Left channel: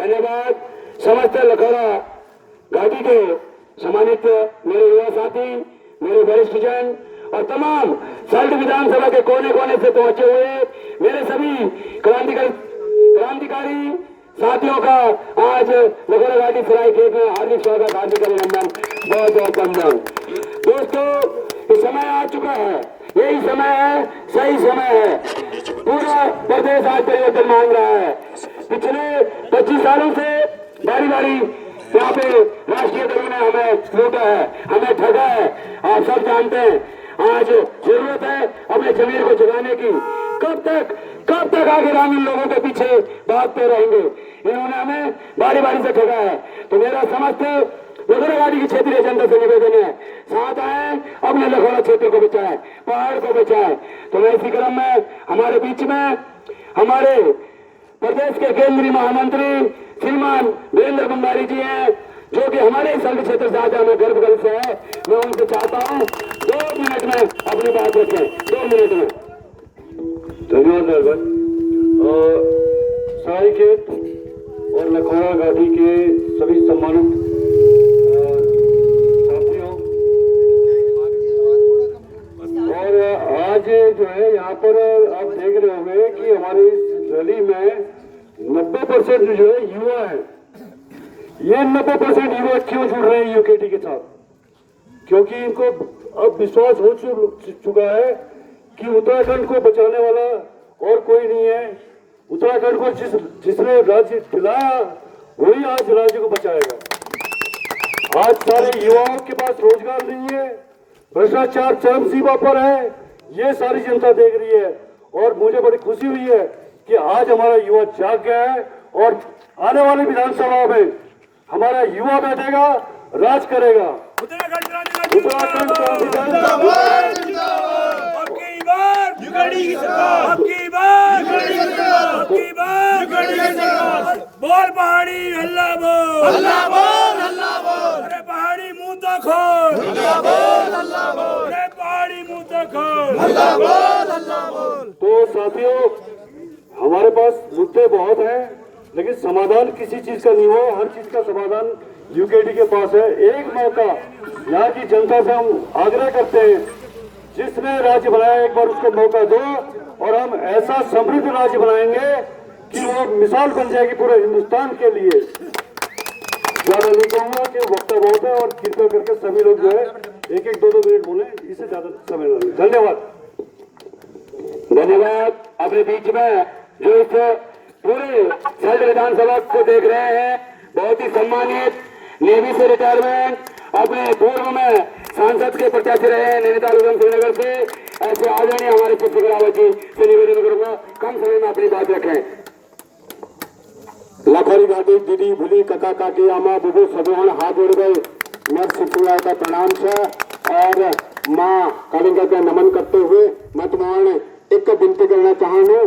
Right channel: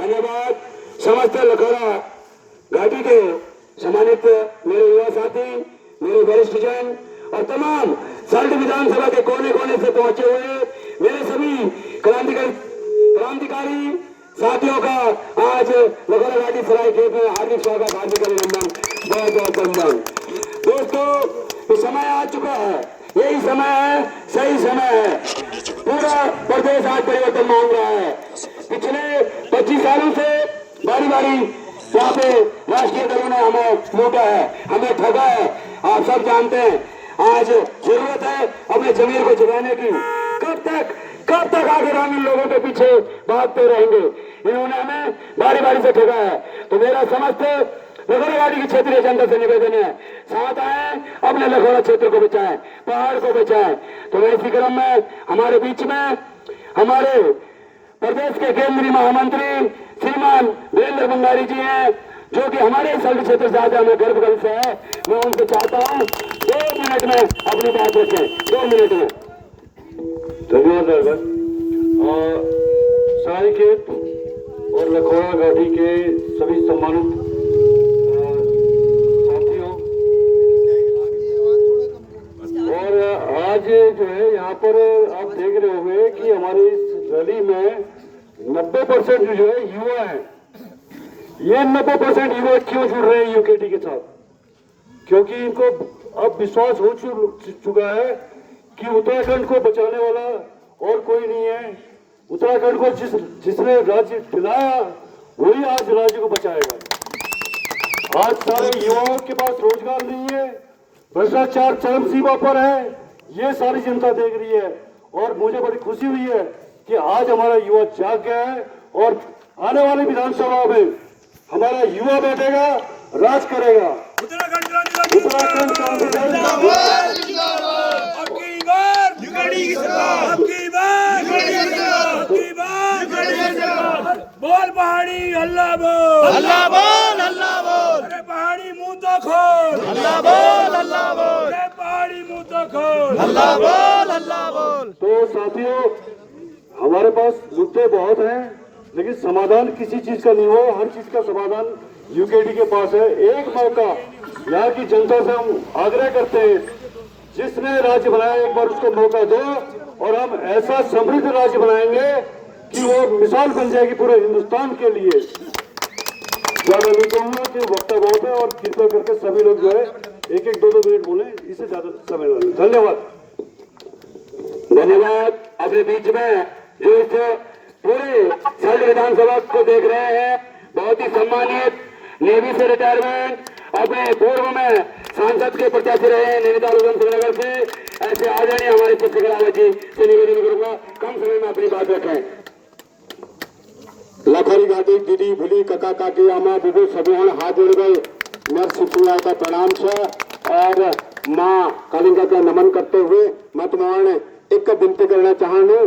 धन्यवाद समस्त लखौरा घाटी के सम्मानित मेरे युवा साथी, मेरे वरिष्ठ जन और तमाम सल्ट विधानसभा के कोने कोने से पहुंचे हुए मेरे सभी क्रांतिकारी साथियों का आज लखौरा घाटी सराय खेत में हार्दिक स्वागत, हार्दिक अभिनंदन, बहुत बहुत वंदन। दोस्तों, समय आ चुका है, यही समय है, सही समय है। पूरा प्रदेश आज परिवर्तन मांग रहा है। पिछले 25 सालों से बारी बारी यहाँ पे राष्ट्रीय दलों ने हमें लूटा है, हमें ठगा है, आप सब जानते हैं। आज जरूरत है अपने जमीर को जगाने की। कब तक आगे ग्रामीण लोगों के पीछे भागते रहेंगे? इन्होंने हमें बारी बारी से ठगा है। तो मेरा समस्त लखौरा घाटी की क्षेत्रीय जनता से निवेदन है, साथ आए, अपने लखौरा क्षेत्र को बचाएं, पहाड़ को बचाएं। तो मैं इसी क्रम में हमारे बीच में हमारे प्रदेश के केंद्रीय महामंत्री श्रीमान वीरेंद्र भंडारी जी हैं, जो कि हमारे सल्ट क्षेत्र से आज हमें गर्व से है। मैं उनसे चाहता हूँ 2 मिनट में अपनी बात रखें, 2 मिनट में। धन्यवाद। और सराय खेत और लखौरा घाटी के सभी सम्मानित साथियों, और आज जो है यहाँ पर आप देख रहे होंगे कि हमारी इस रैली में 90% जो है युवा है। ये 90% युवा क्यों जुड़ रहे हैं यूकेटी के साथ? क्योंकि इनको अब विश्वास हो चुका है कि उत्तराखंड को बचाने वाला और कोई नहीं है। उत्तराखंड को जिसने राज्य दिलाया वही आज राज्य को बचाएगा। आज सारे युवाओं के पास रोजगार नहीं है, भ्रष्टाचार चरम सीमा पर है, ये सारी जनता देख रही है। और मुझे बड़ी खुशी हुई है कि आज हमारा युवा जाग गया है और आने वाली विधानसभा में हमारा युवा बैठेगा, राज करेगा। उत्तराखंड बोल पहाड़ी अल्लाह बोल, अल्लाह बोल, अल्लाह बोल। अरे पहाड़ी मुंह तो खोल, अल्लाह बोल, अल्लाह बोल। अरे पहाड़ी मुंह तो खोल, अल्लाह बोल, अल्लाह बोल। तो साथियों, हमारे पास मुद्दे बहुत हैं, लेकिन समाधान किसी चीज का नहीं हुआ। हर चीज का समाधान यूकेटी के पास है। एक मौका यहाँ की जनता से हम आग्रह करते हैं, जिसने राज्य बनाया एक बार उसको मौका दो और हम ऐसा समृद्ध राज्य बनाएंगे कि वो मिसाल बन जाएगी पूरे हिंदुस्तान के लिए। ज्यादा नहीं कहूंगा कि वक्ता बहुत है, और कृपया करके सभी लोग जो है 1-2 मिनट बोले, इससे ज्यादा समय नहीं। धन्यवाद। धन्यवाद। अपने बीच में जो इस पूरे सल्ट विधानसभा को देख रहे हैं, बहुत ही सम्मानित नेवी से रिटायरमेंट, अपने पूर्व में सांसद के प्रत्याशी रहे हैं नैनीताल उधमसिंह से, ऐसे आदरणीय हमारे पुष्प रावत जी से निवेदन करूंगा कम समय में अपनी बात रखें। लखौरी घाटी दीदी भूली कका काकी आमा बुबू सभी हाथ जोड़ गए मैं शिवला का प्रणाम से और माँ कालिंगा का नमन करते हुए मैं तुम्हारे एक विनती करना चाहूँ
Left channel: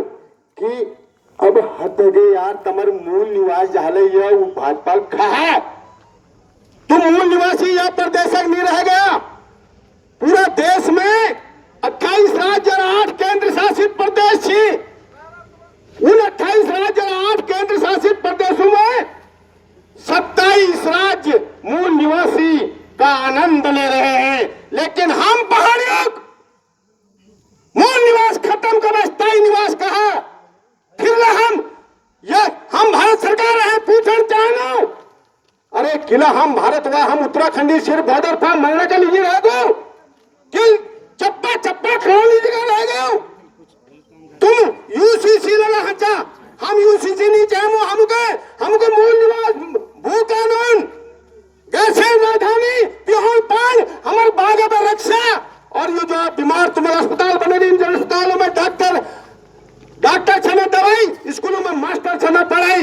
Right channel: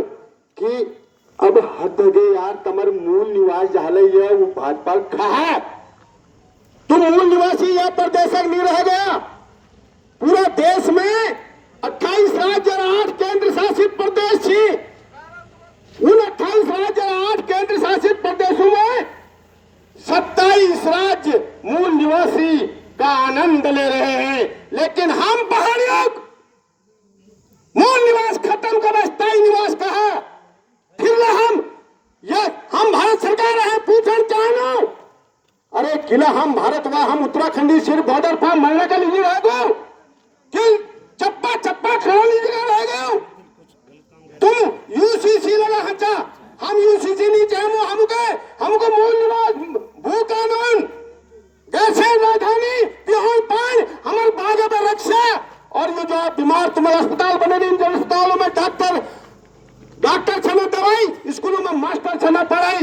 कि अब हद हो गई यार, तमर मूल निवास जहाँ वो भाजपा खा है, तुम मूल निवासी या प्रदेशक नहीं रह गया। पूरा देश में 28 राज्य और 8 केंद्र शासित प्रदेश थी। उन 28 राज्य और 8 केंद्र शासित प्रदेशों में 27 राज्य मूल निवासी का आनंद ले रहे हैं, लेकिन हम पहाड़ियों मूल निवास खत्म कर स्थायी निवास कहा। फिर हम भारत सरकार है, पूछना चाहूं, अरे किला हम भारत व हम उत्तराखंडी सिर्फ बॉर्डर पर मरने के लिए रह गए कि चप्पा चप्पा खड़ा लीजिएगा रह गए। तुम यूसीसी लगा हचा, हम यूसीसी नहीं चाहे, हमको मूल निवास भू कानून गैसे राजधानी पिहोल पान हमारे बागे में रक्षा। और ये जो बीमार तुम्हारे अस्पताल बने इन अस्पतालों में डॉक्टर छना दवाई, स्कूलों में मास्टर छना पढ़ाई।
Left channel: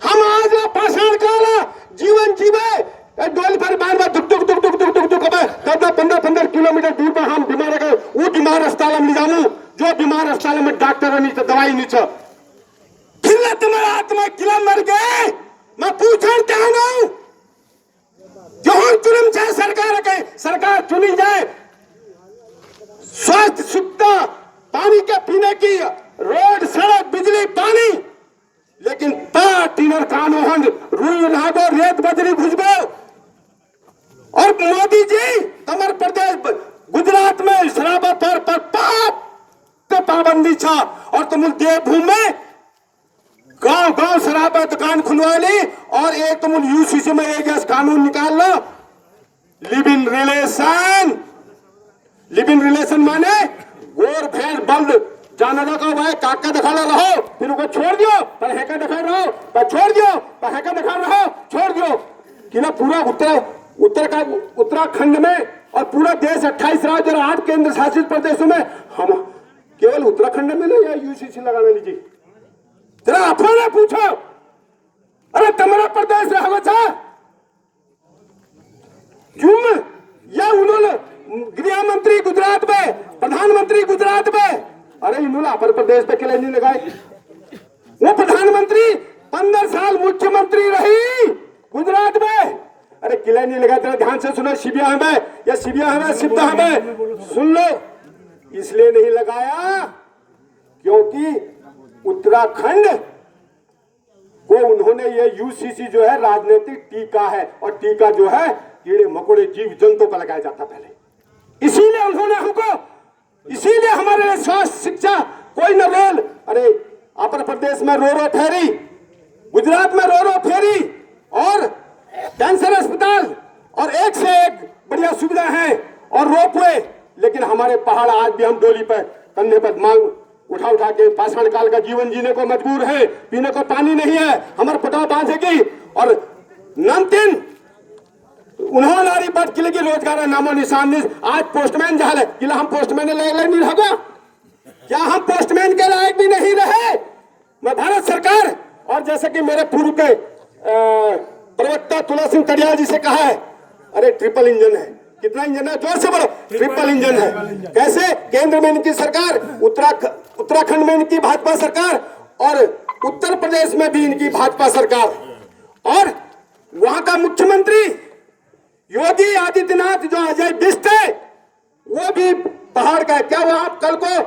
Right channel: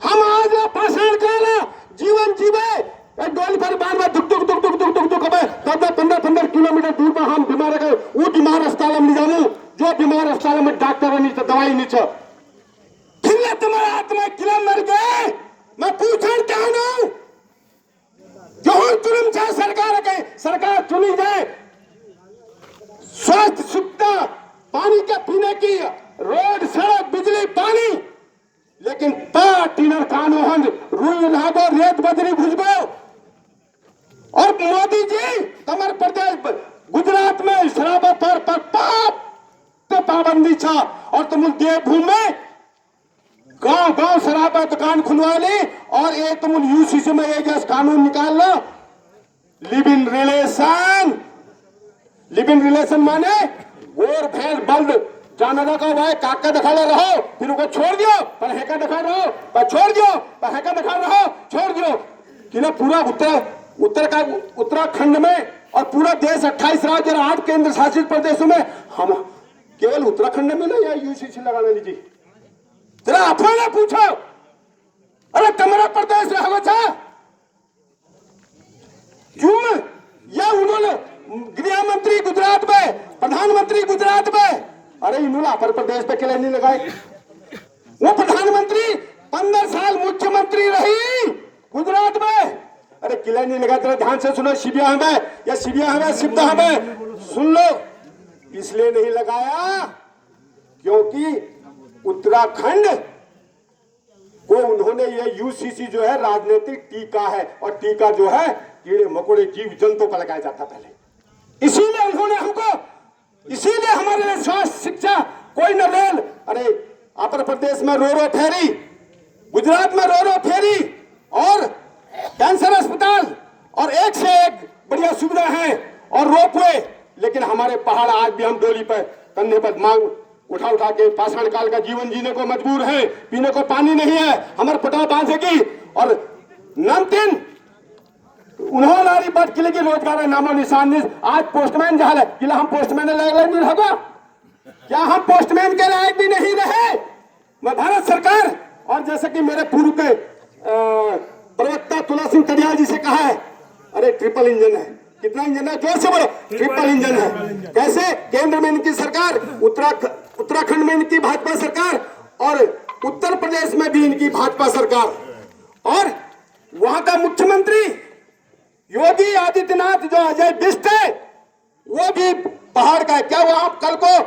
हम आज पाषाण काला जीवन जीवे डोल पर बार बार दुख दुख दुख दुख दुख दुख दुख 15 किलोमीटर दूर पर हम बीमार गए वो बीमार अस्पताल में जाऊं, जो बीमार अस्पताल में डॉक्टर नहीं तो दवाई नहीं छ। खिला तुम्हारा आत्मा किला मर गए। मैं पूछना चाहूं, जो चुनम चाहे सरकार चुनी जाए, स्वास्थ्य सुविधा पानी के पीने की रोड सड़क बिजली पानी, लेकिन टीनर कानून हुई नागो रेत बजरी घुसबो और मोदी जी तमर प्रदेश गुजरात में शराब पर पाबंदी छा और तुम देवभूमि में गांव गांव शराब दुकान खुलवा ली और एक तुम यूसीसी में एक कानून निकाल लो लिव इन रिलेशन माने गोर भेड़ बल्द जाना का हुआ काका दिखा रहो फिर उनको छोड़ दियो पर हैका दिखा रहो पर छोड़ दियो पर हैका दिखा रहो छोड़ दियो कि ना पूरा उत्तराखंड में और पूरा देश 28 राज्य और 8 केंद्र शासित प्रदेशों में हम केवल उत्तराखंड में नहीं या यूसीसी लगाने लीजिए जरा अपने पूछो अरे तुम्हारा प्रदेश रहो था क्यों या उन्होंने गृह मंत्री गुजरात में प्रधानमंत्री गुजरात में अरे इन्होंने अपर प्रदेश पे किले नहीं लगाए वो प्रधानमंत्री 15 साल मुख्यमंत्री रही गुजरात में अरे किले नहीं लगाए तेरा ध्यान से सुनो शिबिया हमें शिवदा हमें सुन लो इसलिए नहीं लगाया क्योंकि उत्तराखंड को उन्होंने ये यूसीसी जो है राजनीतिक टीका है और टीका जो है कीड़े मकोड़े जीव जंतु पर लगाया जाता पहले इसीलिए उन्होंने हमको इसीलिए हमारे स्वास्थ्य शिक्षा कोई न रोल अरे आंध्र प्रदेश में रो फेरी गुजरात में रो फेरी और कैंसर अस्पताल और एक से एक बढ़िया सुविधा है और रोपवे लेकिन हमारे पहाड़ आज भी हम डोली पर कंधे पर मांग उठा के पाषाण काल का जीवन जीने को मजबूर है पीने को पानी नहीं है हमारे पटाव बांधेगी और नामतीन उन्होंने नारी बट किले की रोजगार है नामो निशान नहीं आज पोस्टमैन जहां है किला हम पोस्टमैन लायक नहीं होगा क्या हम पोस्टमैन के लायक भी नहीं रहे मैं भारत सरकार और जैसे कि मेरे पूर्व के प्रवक्ता तुला सिंह तड़िया जी से कहा है अरे ट्रिपल इंजन है कितना इंजन है जोर से बोलो ट्रिपल इंजन है कैसे केंद्र में इनकी सरकार उत्तराखंड में इनकी भाजपा सरकार और उत्तर प्रदेश में भी इनकी भाजपा सरकार और वहां का मुख्यमंत्री योगी आदित्यनाथ जो अजय बिष्ट है वो भी पहाड़ का है क्या वो आप कल को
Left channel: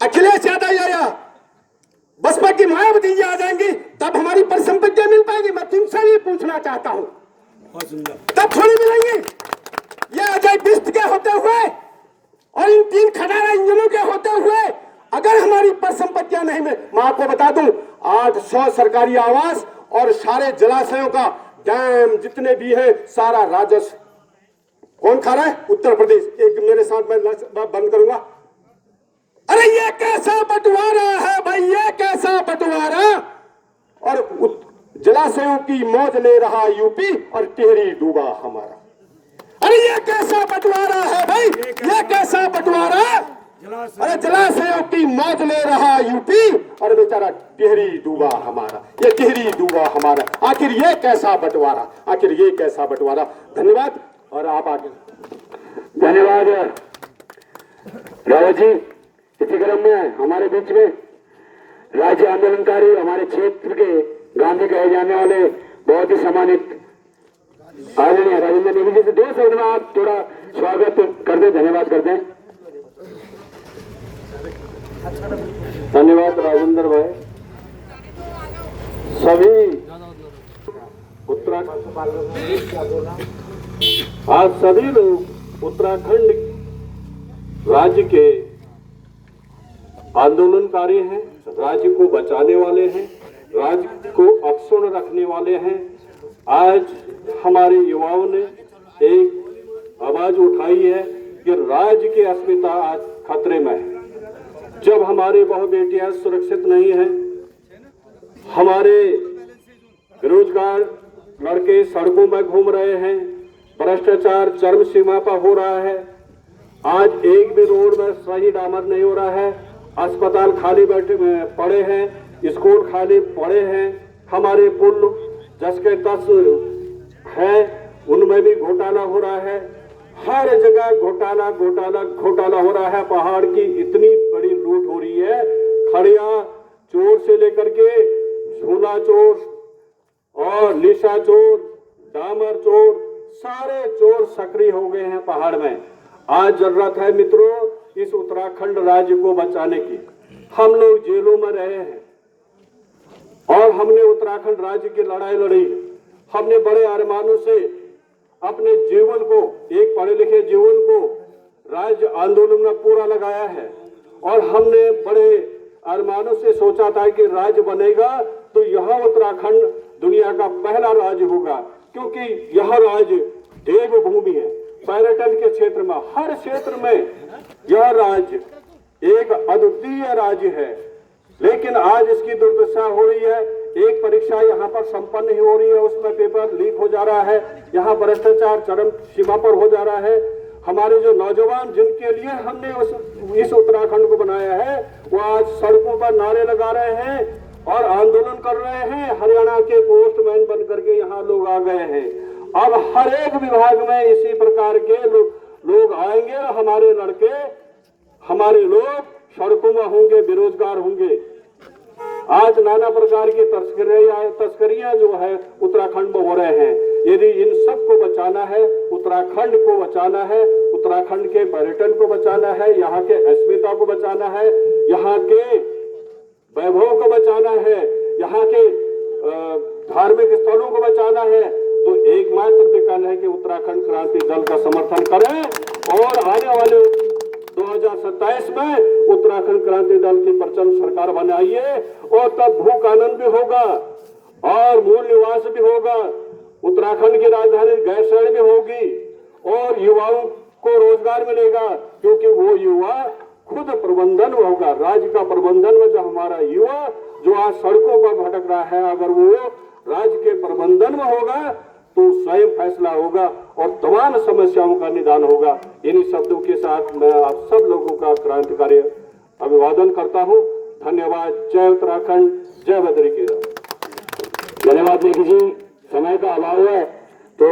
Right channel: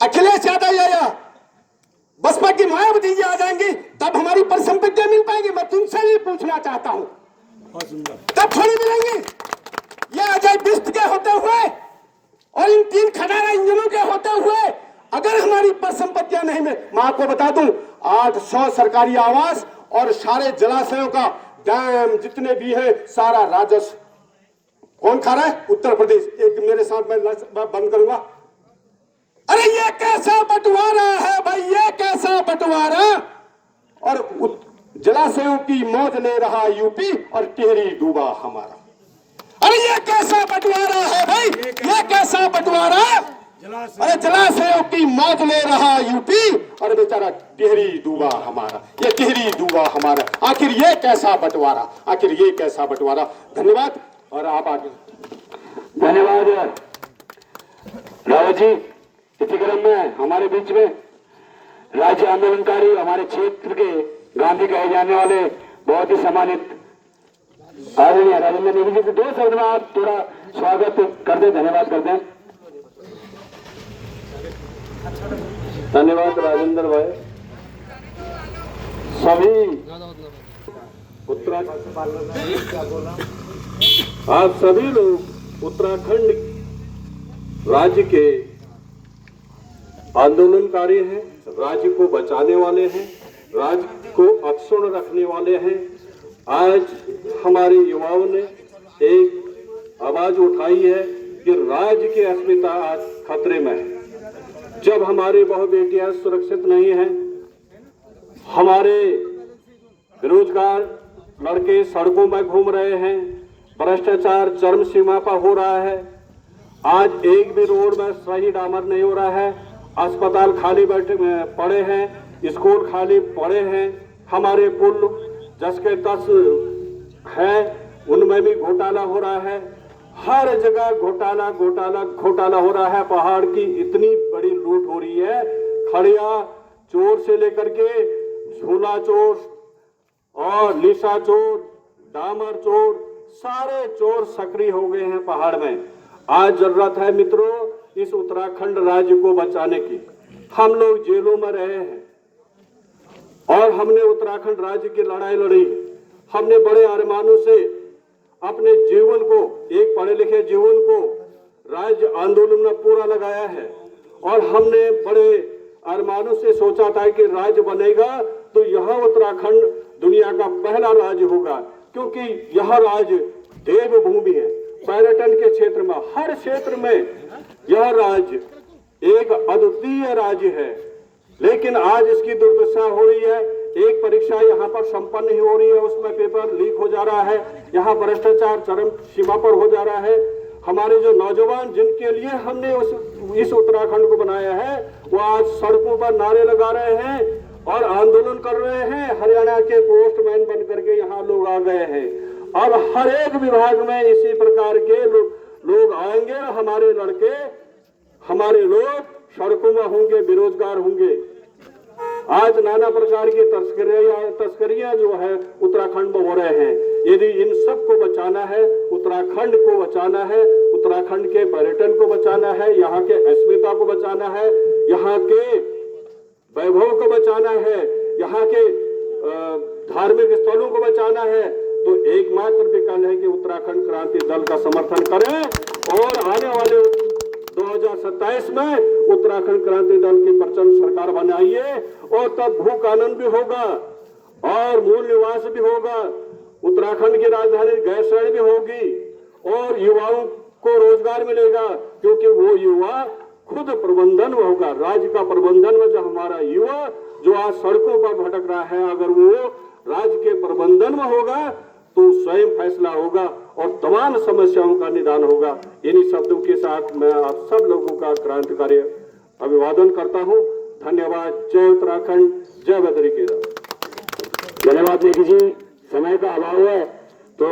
अखिलेश यादव या बसपा की मायावती जी आ जाएंगी तब हमारी परिसंपत्तियां मिल पाएंगी मैं तुमसे भी पूछना चाहता हूं तब थोड़ी मिलेंगी ये अजय बिष्ट के होते हुए और इन 3 खटारा इंजनों के होते हुए अगर हमारी परिसंपत्तियां नहीं मिल मैं आपको बता दूं 800 सरकारी आवास और सारे जलाशयों का डैम जितने भी है सारा राजस्व कौन खा रहा है उत्तर प्रदेश एक मेरे साथ मैं बंद करूंगा अरे ये कैसा बंटवारा है भाई ये कैसा बंटवारा और जलाशयों की मौज ले रहा यूपी और टिहरी डूबा हमारा अरे ये कैसा बंटवारा है भाई ये कैसा बंटवारा अरे जलाशयों की मौज ले रहा यूपी और बेचारा टिहरी डूबा हमारा ये टिहरी डूबा हमारा आखिर ये कैसा बंटवारा धन्यवाद और आप आगे धन्यवाद रावत जी इसी क्रम में हमारे बीच में राज्य आंदोलनकारी हमारे क्षेत्र के गांधी कहे जाने वाले बहुत ही सम्मानित आदरणीय राजेंद्र नेगी जी से 2 शब्द में आप थोड़ा स्वागत कर दें धन्यवाद करते हैं धन्यवाद राजेंद्र भाई सभी आज सभी लोग उत्तराखंड राज्य के आंदोलनकारी हैं राज्य को बचाने वाले हैं राज्य को अक्षुण्ण रखने वाले हैं आज हमारे युवाओं ने एक आवाज उठाई है कि राज्य की अस्मिता आज खतरे में है जब हमारे बहु बेटियां सुरक्षित नहीं हैं हमारे बेरोजगार लड़के सड़कों में घूम रहे हैं भ्रष्टाचार चरम सीमा पर हो रहा है आज एक भी रोड में सही डामर नहीं हो रहा है अस्पताल खाली बैठे पड़े हैं स्कूल खाली पड़े हैं हमारे पुल जसके तस है उनमें भी घोटाला हो रहा है हर जगह घोटाला हो रहा है पहाड़ की इतनी बड़ी लूट हो रही है खड़िया चोर से लेकर के झूला चोर और लिशा चोर डामर चोर सारे चोर सक्रिय हो गए हैं पहाड़ में आज जरूरत है मित्रों इस उत्तराखंड राज्य को बचाने की हम लोग जेलों में रहे हैं और हमने उत्तराखंड राज्य की लड़ाई लड़ी। हमने बड़े अरमानों से अपने जीवन को, एक पढ़े लिखे जीवन को राज्य आंदोलन में पूरा लगाया है और हमने बड़े अरमानों से सोचा था कि राज्य बनेगा तो यह उत्तराखंड दुनिया का पहला राज्य होगा, क्योंकि यह राज्य देवभूमि है। पर्यटन के क्षेत्र में, हर क्षेत्र में यह राज्य एक अद्वितीय राज्य है। लेकिन आज इसकी दुर्दशा हो रही है। एक परीक्षा यहाँ पर संपन्न नहीं हो रही है, उसमें पेपर लीक हो जा रहा है। यहाँ भ्रष्टाचार चरम सीमा पर हो जा रहा है। हमारे जो नौजवान जिनके लिए हमने इस उत्तराखंड को बनाया है, वो आज सड़कों पर नारे लगा रहे हैं और आंदोलन कर रहे हैं। हरियाणा के पोस्टमैन बन करके यहाँ लोग आ गए हैं। अब हर एक विभाग में इसी प्रकार के लोग आएंगे। हमारे लड़के, हमारे लोग सड़कों में होंगे, बेरोजगार होंगे। आज नाना प्रकार की तस्करियां जो है उत्तराखंड में हो रहे हैं। यदि इन सब को बचाना है, उत्तराखंड को बचाना है, उत्तराखंड के पर्यटन को बचाना है, यहाँ के अस्मिता को बचाना है, यहाँ के वैभव को बचाना है, यहाँ के धार्मिक स्थलों को बचाना है, तो एकमात्र विकल्प है कि उत्तराखंड क्रांति दल का समर्थन करें और आने वाले 2027 में उत्तराखंड क्रांति दल की प्रचंड सरकार बनाइए और तब भू कानून भी होगा और मूल निवास भी होगा। उत्तराखंड की राजधानी गैरसैंण भी होगी और युवाओं को रोजगार मिलेगा, क्योंकि वो युवा खुद प्रबंधन होगा। राज्य का प्रबंधन में जो हमारा युवा जो आज सड़कों पर भटक रहा है, अगर वो राज्य के प्रबंधन में होगा तो स्वयं फैसला होगा और तमाम समस्याओं का निदान होगा। इन्हीं शब्दों के साथ मैं आप सब लोगों का क्रांतिकारी अभिवादन करता हूं। धन्यवाद। जय उत्तराखंड, जय बद्री केदार। धन्यवाद लेखी जी। समय का अभाव है तो